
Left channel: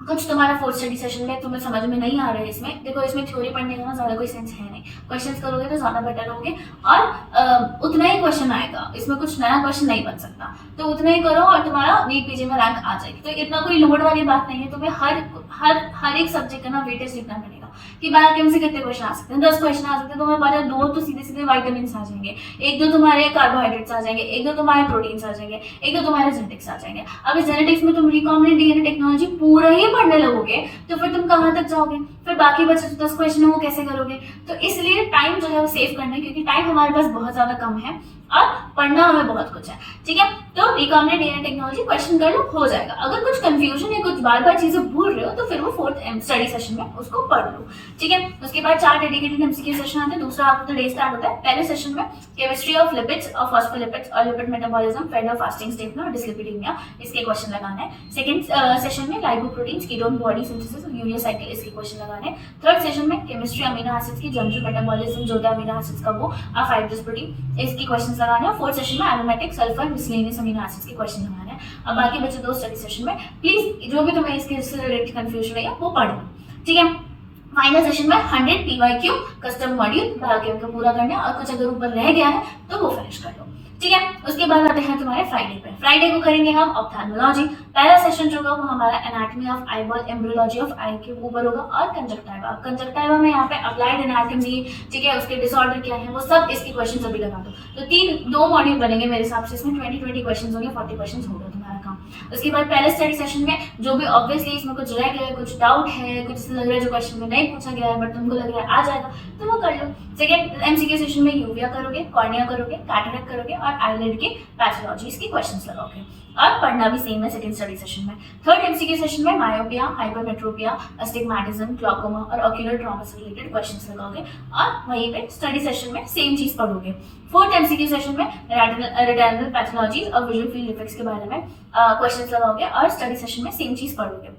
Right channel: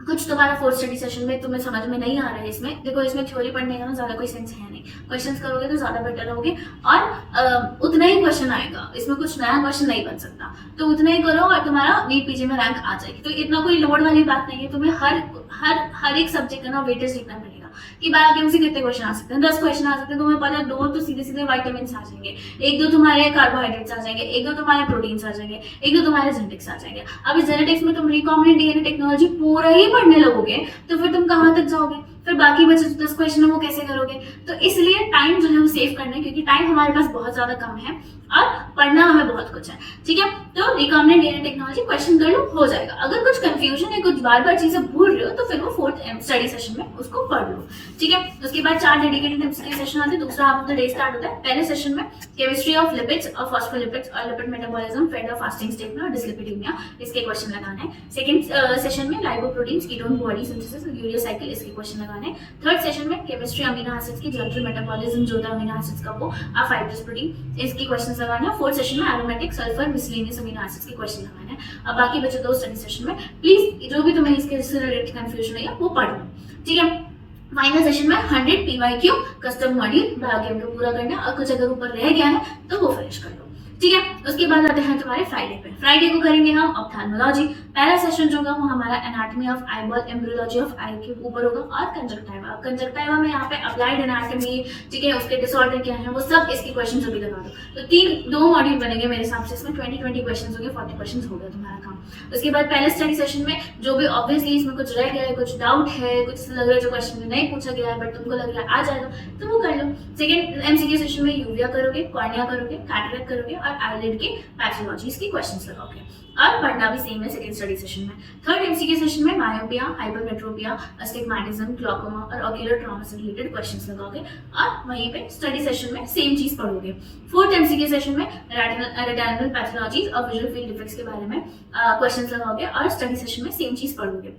कुछ तुम्हारा फोर्थ स्टडी सेशन में तुम्हें समझ में नहीं आ रहा है, इसमें देखो, इसमें थ्योरी पढ़ने का ना ज्यादा कोई सेंस है नहीं, क्वेश्चंस करोगे तो ज्यादा बेटर होगे, और उतना ही क्वेश्चन आएगा, इसमें कुछ नया क्वेश्चन नहीं बन सकता। तो उतना ही करो और तुम्हारा नीट पीजी में रैंक आ जाएगी। तो इतना कोई लोड वाली बात नहीं है, तुम्हें हर एक सब्जेक्ट का ना वेटेज लिखना पड़ेगा कि बायोकेम से कितने क्वेश्चन आ सकते हैं, 10 क्वेश्चन आ सकते हैं, तुम्हें पता है 2 तो सीधे सीधे विटामिन्स आ जाएंगे, 1-2 तुम्हारे कार्बोहाइड्रेट्स आ जाएंगे, 1-2 तुम्हारे प्रोटीन्स आ जाएंगे, 1-2 तुम्हारे जेनेटिक्स आ जाएंगे। अब इस जेनेटिक्स में तुम रिकॉम्बिनेंट डीएनए टेक्नोलॉजी पूरा ही पढ़ने लगोगे तो फिर तुम कहाँ तक जाओगे, फिर बाकी बचे जो 10 क्वेश्चन है वो कैसे करोगे। तो इसलिए टाइम जो है वो सेव करना है, क्योंकि टाइम हमारे पास बहुत ज्यादा कम है और पढ़ना हमें बहुत कुछ है, ठीक है। तो रिकॉम्बिनेंट डीएनए टेक्नोलॉजी क्वेश्चन कर लो, हो जाएगा। अगर कुछ कंफ्यूजन है, कुछ बार बार चीजें भूल रहे हो, तो फिर वो फोर्थ स्टडी सेशन में उसको पढ़ लो, ठीक है। उसके बाद 4 डेडिकेटेड एमसीक्यू सेशन आते हैं, दूसरा half of the day start होता है। पहले सेशन में केमिस्ट्री ऑफ लिपिड्स और फॉस्फोलिपिड्स और लिपिड मेटाबॉलिज्म, फेड और फास्टिंग स्टेट में, और डिस्लिपिडीमिया, इसके क्वेश्चन लगाने हैं। सेकंड सेशन में lipoproteins, ketone body synthesis, urea cycle, इसके क्वेश्चन लगाने हैं। थर्ड सेशन में केमिस्ट्री अमीनो एसिड्स की, जनरल मेटाबॉलिज्म जो होता है अमीनो एसिड्स का वो, और फाइब्रस प्रोटीन, इसके क्वेश्चन लगाने हैं। फोर्थ सेशन में aromatic, sulphur, miscellaneous amino acids के क्वेश्चन लगाने हैं। अब बाकी बचे 2 स्टडी सेशन में प्लीज जो भी तुम्हें इसके रिलेटेड कंफ्यूजन है वो पढ़ लो, ठीक है। फाइनल सेशन में 100 पीवाईक्यू कस्टम मॉड्यूल बायोकेम को पूरा करना है, और कुछ अगर ऊपर रह गया है तो वो फिनिश कर लो, ठीक है। उसके बाद आते हैं तुम्हारे फ्राइडे पे। फ्राइडे को करेंगे हम ऑप्थेल्मोलॉजी। पहला सेशन जो होगा वो हमारा anatomy of eyeball, embryology of eye के ऊपर होगा, और कंजक्टाइवा में यहाँ पे अप्लाइड एनाटॉमी, ठीक है, उसके डिसऑर्डर क्या है वो सब, इसके क्वेश्चन अभी लगा दो। तो 2 मॉड्यूल बनेंगे मेरे हिसाब से, इसमें 20 क्वेश्चन होंगे, 40 क्वेश्चन हो गया तुम्हारा काम। उसके बाद पहले स्टडी सेशन में जो भी ऑब्वियसली इसमें कुछ रह गया है, कुछ डाउट है, कुछ लग रहा है जो क्वेश्चन में नहीं पूछा गया है बट तुमको लग रहा है आ जाएगा, तो वो कर लो। सेकंड एमसीक्यू सेशन में यूविया करोगे, कॉर्निया करोगे, कैटरेक्ट करोगे, और आईलिड के पैथोलॉजी, इसकी क्वेश्चंस लगाओगे, और पढ़ना भी सेम है सेकंड स्टडी सेशन में। थर्ड एमसीक्यू सेशन में मायोपिया, हाइपरमेट्रोपिया, अस्टिग्मैटिज्म, ग्लूकोमा और ऑक्यूलर ट्रॉमा से रिलेटेड क्वेश्चंस लगाओगे, और वहीं पे स्टडी सेशन में सेम चीज पढ़ोगे। फोर्थ एमसीक्यू सेशन में रेटिनल पैथोलॉजीज और विजुअल फील्ड इफेक्ट्स के बारे में क्वेश्चंस लगाओगे, और स्टडी सेशन में सेम चीज पढ़ोगे।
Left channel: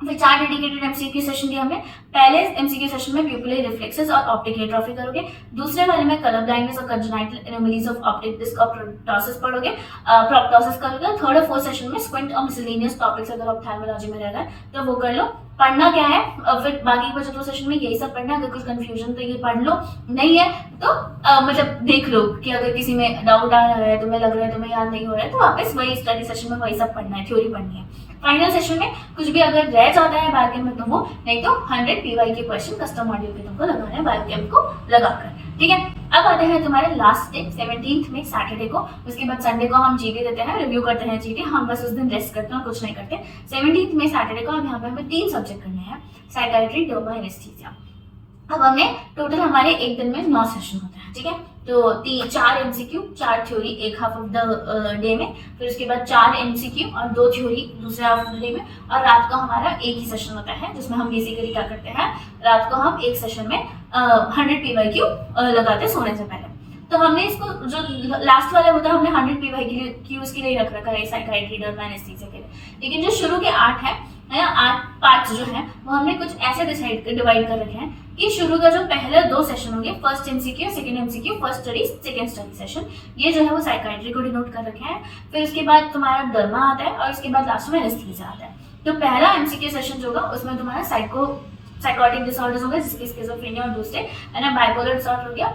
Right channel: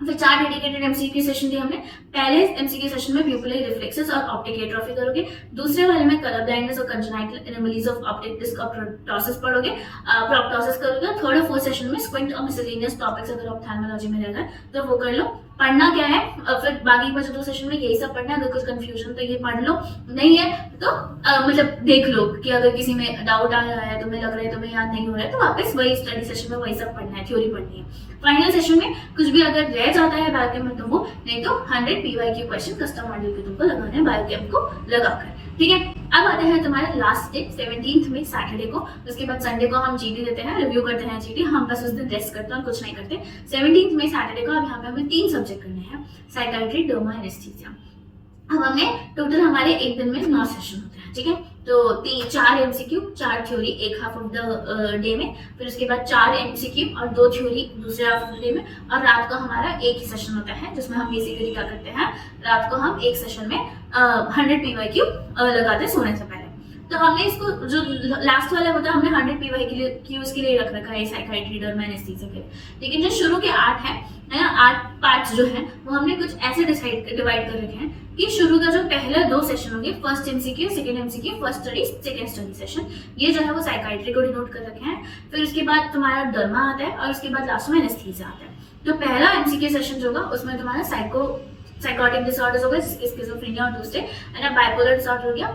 फिर 4 डेडिकेटेड एमसीक्यू सेशन दिए हमने। पहले एमसीक्यू सेशन में प्यूपिलरी रिफ्लेक्सेस और ऑप्टिक एट्रोफी करोगे, दूसरे वाले में कलर ब्लाइंडनेस और congenital anomalies of optic disc और प्रोप्टोसिस पढ़ोगे, प्रोप्टोसिस करोगे। थर्ड और फोर्थ सेशन में स्क्विंट और मिसलेनियस टॉपिक्स अगर ऑप्थेल्मोलॉजी में रहेगा तो वो कर लो। पढ़ना क्या है, फिर बाकी बचे 2 सेशन में यही सब पढ़ना है। अगर कुछ कंफ्यूजन तो ये पढ़ लो, नहीं है तो मतलब देख लो कि अगर किसी में डाउट आ रहा है, तुम्हें लग रहा है तुम्हें याद नहीं हो रहा है, तो वापस वही स्टडी सेशन में वही सब पढ़ना है, थ्योरी पढ़नी है। फाइनल सेशन में कुछ भी अगर रह जाता है बायोकेम में तो वो, नहीं तो 100 पीवाई के क्वेश्चन कस्टम मॉड्यूल के तुमको लगाने हैं बायोकेम को लगाकर, ठीक है। अब आते हैं तुम्हारे लास्ट डे 17th में सैटरडे को। उसके बाद संडे को हम जीडी देते हैं, रिव्यू करते हैं जीडी, हम बस उस दिन रेस्ट करते हैं, कुछ नहीं करते। 17th में सैटरडे को अब यहाँ पे हमें 3 सब्जेक्ट करने हैं, साइकाइट्री, डर्मा, एनेस्थीसिया। अब हमने टोटल हमारे एक दिन में 9 सेशन होते हैं, ठीक है। तो 4 एमसीक्यू, 4 थ्योरी एक हाफ ऑफ द डे में, फिर उसके बाद 4 एमसीक्यू और 2 थ्योरी दूसरे हाफ ऑफ द डे में, और रात को हमारा एक ही सेशन होता है जिसमें हम बेसिकली क्या करते हैं, रात को हम एक सेशन में 100 पीवाईक्यू लगाते हैं सोने से पहले। तो हमने इसको जो लास्ट वाला होता है हमने 100 पीवाईक्यूज के लिए रख रखा है साइकाइट्री, डर्मा, एनेस्थीसिया के लिए, लेकिन जो शुरू के 8 है ना, 8 पार्ट्स जो है वो हमने कुछ ऐसे डिवाइड कर रखे हैं कि शुरू का जो पहला 2 सेशन होंगे, first MCQ, second MCQ, first study, second study session, ये जो है वो साइकाइट्री को डिनोट कर रखे हैं। फिर उसके बाद तुम्हारा डर्मा आता है और उसके बाद लास्ट में एनेस्थीसिया आता है। तो पहला एमसीक्यू सेशन जो होगा उसमें तुम्हारा साइकोटिक डिसऑर्डर्स हो गए, जिसके स्किज़ोफ्रेनिया और दूसरे है ना, बाइपोलर डिसऑर्डर हो गया,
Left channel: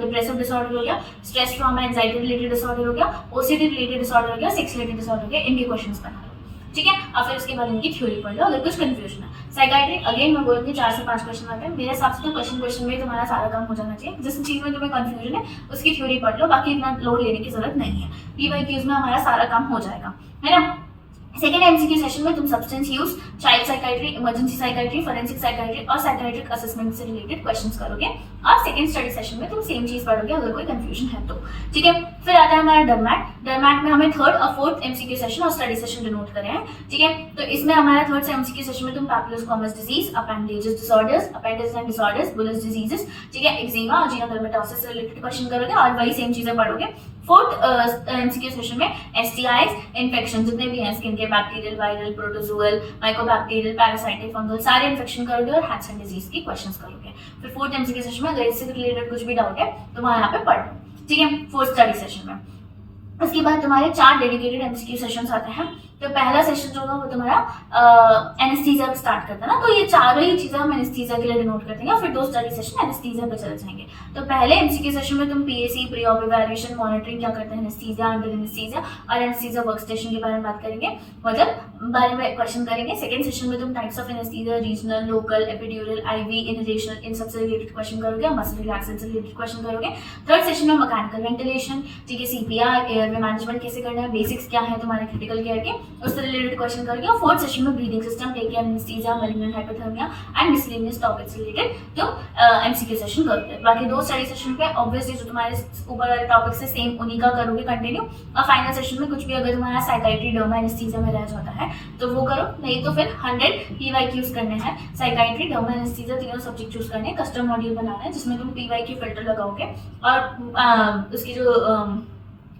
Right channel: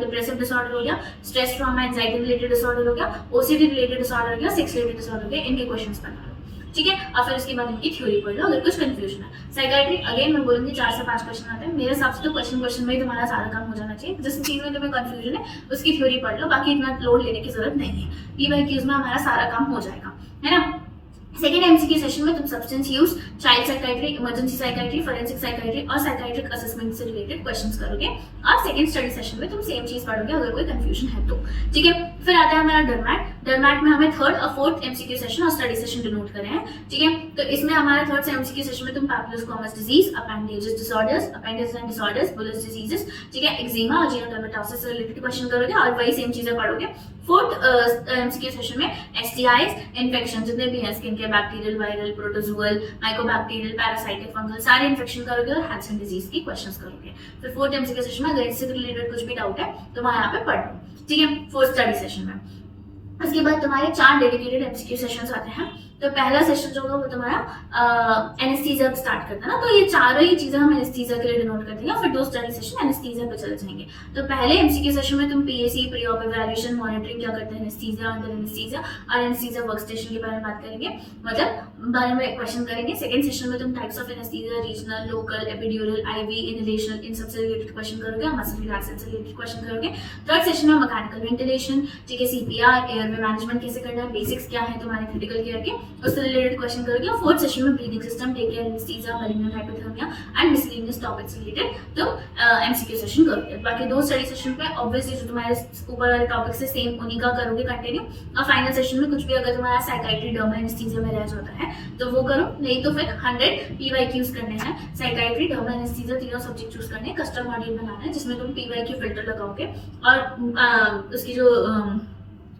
डिप्रेसिव डिसऑर्डर हो गया, stress trauma anxiety related disorder हो गया, ओसीडी रिलेटेड डिसऑर्डर हो गया, सेक्स रिलेटेड डिसऑर्डर हो गया, इनके क्वेश्चंस बना लो, ठीक है। और फिर उसके बाद इनकी थ्योरी पढ़ लो अगर कुछ कंफ्यूजन है। साइकाइट्री अगेन मैं बोलूंगी 4 से 5 क्वेश्चन आते हैं, मेरे हिसाब से तो क्वेश्चन में तुम्हारा सारा काम हो जाना चाहिए। जिस चीज में तुम्हें कंफ्यूजन है उसकी थ्योरी पढ़ लो, बाकी इतना लोड लेने की जरूरत नहीं है, पीवाईक्यूज में हमारा सारा काम हो जाएगा, है ना। सेकेंड एमसीक्यू सेशन में तुम substance use, child psychiatry, emergency psychiatry, forensic psychiatry और साइकाइट्रिक असेसमेंट से रिलेटेड क्वेश्चंस करोगे, और सेकंड स्टडी सेशन में तुम सेम चीज पढ़ोगे अगर कोई कंफ्यूजन है तो, ठीक है। फिर आता है हमारा डरमैट। डरमैट में हमें 3rd और 4th एमसीक्यू सेशन और स्टडी सेशन डिनोट करे हैं, ठीक है। तो इसमें हमारा 3rd एमसीक्यू सेशन में तुम papulosquamous disease, appendages disorders, appendages and disorders, bullous diseases, ठीक है, एक्जिमा और जीनोडर्मेटोसिस से रिलेटेड क्वेश्चन करोगे और वही सेम चीजें पढ़ोगे। 4th एमसीक्यू सेशन में एसटीआईज, इन्फेक्शन जितने भी हैं स्किन के, bacterial, viral, protozoal, mycobacterial, parasitic, fungal, सारे इन्फेक्शन करोगे और हैंसन डिजीज की क्वेश्चंस करोगे। फिर 4th एमसीक्यू सेशन में अगर इससे रिलेटेड कुछ भी डाउट है तो वहां यहाँ पे पढ़ लो, ठीक है, 4th स्टडी सेशन में। उसके बाद तुम्हारे 4 डेडिकेटेड एमसीक्यू सेशंस आते हैं। तो पहला सेशन जो होगा वो तुम्हारा एनेस्थीसिया स्टार्ट करता है ना, तो ये चारों ही चीजें हम एनेस्थीसिया के लिए डिनोट करते हैं, फिर 2 स्टडी सेशन एनेस्थीसिया पे चले जाएंगे। तो पहले एमसीक्यू सेशन में तुम PAC, pre op evaluation, monitoring क्या करते हैं एनेस्थीसिया, अंडर एनेस्थीसिया और एनेस्थीसिया वर्क स्टेशन के बारे में बात करेंगे, मतलब बारे में क्वेश्चन करेंगे। सेकंड सेशन में तुम types of anaesthesia, regional, local, epidural, IV, inhalation, इन सबसे रिलेटेड क्वेश्चन करोगे, मसल रिलैक्सेशन से रिलेटेड क्वेश्चन करोगे। थर्ड सेशन में मैकेनिकल वेंटिलेशन, ठीक है, सीपीआर, एयर में मैनेजमेंट कैसे करना है, बेसिक्स क्या है तुम्हारे क्रिटिकल केयर के, उससे रिलेटेड क्वेश्चन करोगे। और 4th सेशन में breathing system, take care, anaesthesia, malignant hypothermia and miscellaneous topics related तो एमसीक्यू सेशन करोगे। बाकी 2 स्टडी सेशन पे ऑब्वियसली जो तुम्हारे ऊपर वाले टॉपिक से सेम उन्हीं का करोगे कंटिन्यू, और फाइनल सेशन में कुछ भी अगर तुम्हारा साइकाइट्री, डर्मा, एनेस्थीसिया में रह जाता है तो वो करो, नहीं तो फिर 100 पीवाईक्यूज करने हैं, साइकाइट्री, डर्मा, एनेस्थीसिया तीनों सब्जेक्ट चूज करने हैं, कस्टम मॉड्यूल बनाना है जिसमें तुम पीवाईक्यू फिल्टर लगाओगे और उसकी जो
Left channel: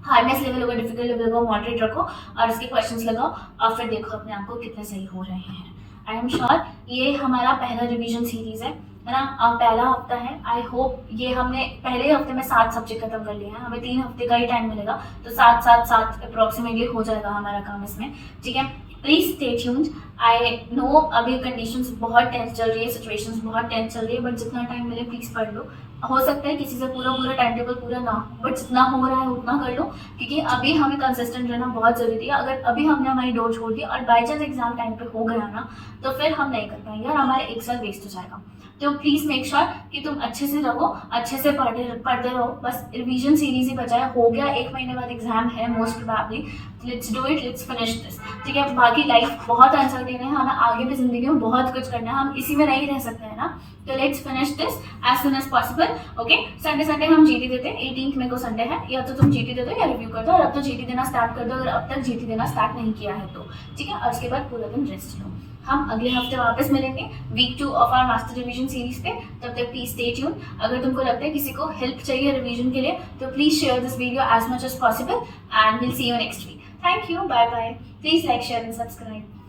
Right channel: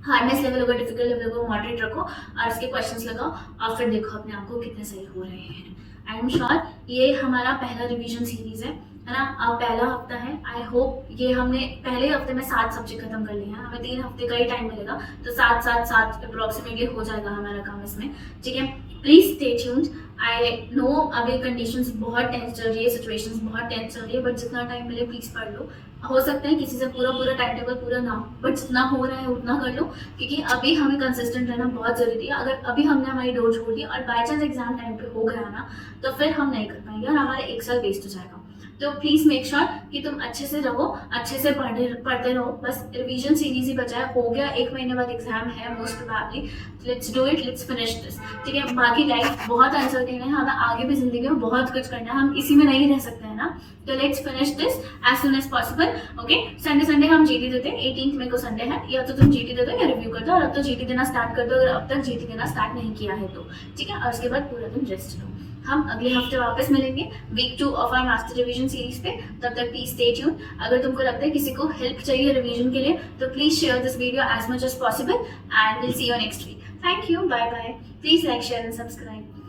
हार्डनेस लेवल होगा, डिफिकल्ट लेवल होगा, मॉडरेट रखो और उसके क्वेश्चंस लगाओ और फिर देखो अपने आप को कितने सही हो रहे हैं। आई एम श्योर ये हमारा पहला रिवीजन सीरीज है ना, अब पहला हफ्ता है। आई होप ये हमने पहले हफ्ते में 7 सब्जेक्ट खत्म कर लिए हैं, हमें 3 हफ्ते का ही टाइम मिलेगा, तो 7 अप्रोक्सीमेटली हो जाएगा हमारा काम इसमें, ठीक है। Please stay tuned. I know अभी कंडीशंस बहुत टेंस चल रही है, सिचुएशंस बहुत टेंस चल रही है, बट जितना टाइम मिले प्लीज पढ़ लो। हो सकता है किसी से पूरा टाइम टेबल पूरा ना हो, बट जितना हो रहा है उतना कर लो, क्योंकि अभी हमें कंसिस्टेंट रहना बहुत जरूरी है। अगर अभी हमने हमारी डोर छोड़ दी और बाई चांस एग्जाम टाइम पे हो गया ना, तो फिर हम नहीं कर पाएंगे और हमारा 1 साल वेस्ट हो जाएगा। तो प्लीज मेक श्योर कि तुम अच्छे से रहो, अच्छे से पढ़ते रहो। बस रिवीजन सीरीज ही बचा है, हो गया 1 महीने बाद एग्जाम है most probably. Let's do it, let's finish this, ठीक है। बाकी लाइफ बहुत अनसर्टेन है, हमें आगे भी जिंदगी में बहुत कुछ करना है, हम इसी में नहीं रह सकते हैं ना, तो let's finish this as soon as possible, okay. Sunday हम जीटी देते हैं, 18th मई को संडे है, या तो तुम जीटी दे दो या रिव्यू कर दो, और अब तो जीटी देना स्टार्ट कर दो अगर अब तक जीटी देना स्टार्ट नहीं किया है तो, ठीक है। और उसके बाद पूरा दिन रेस्ट लो। हम अगले हफ्ते वापस मिलेंगे week 2 of our master revision series पे, तब तक प्लीज स्टे ट्यून। अगर तुमको लगता है किसी को हेल्प चाहिए रिवीजन के लिए तो please share this video as much as possible and will see you next week. Thank you, bye bye. Please like, share and subscribe.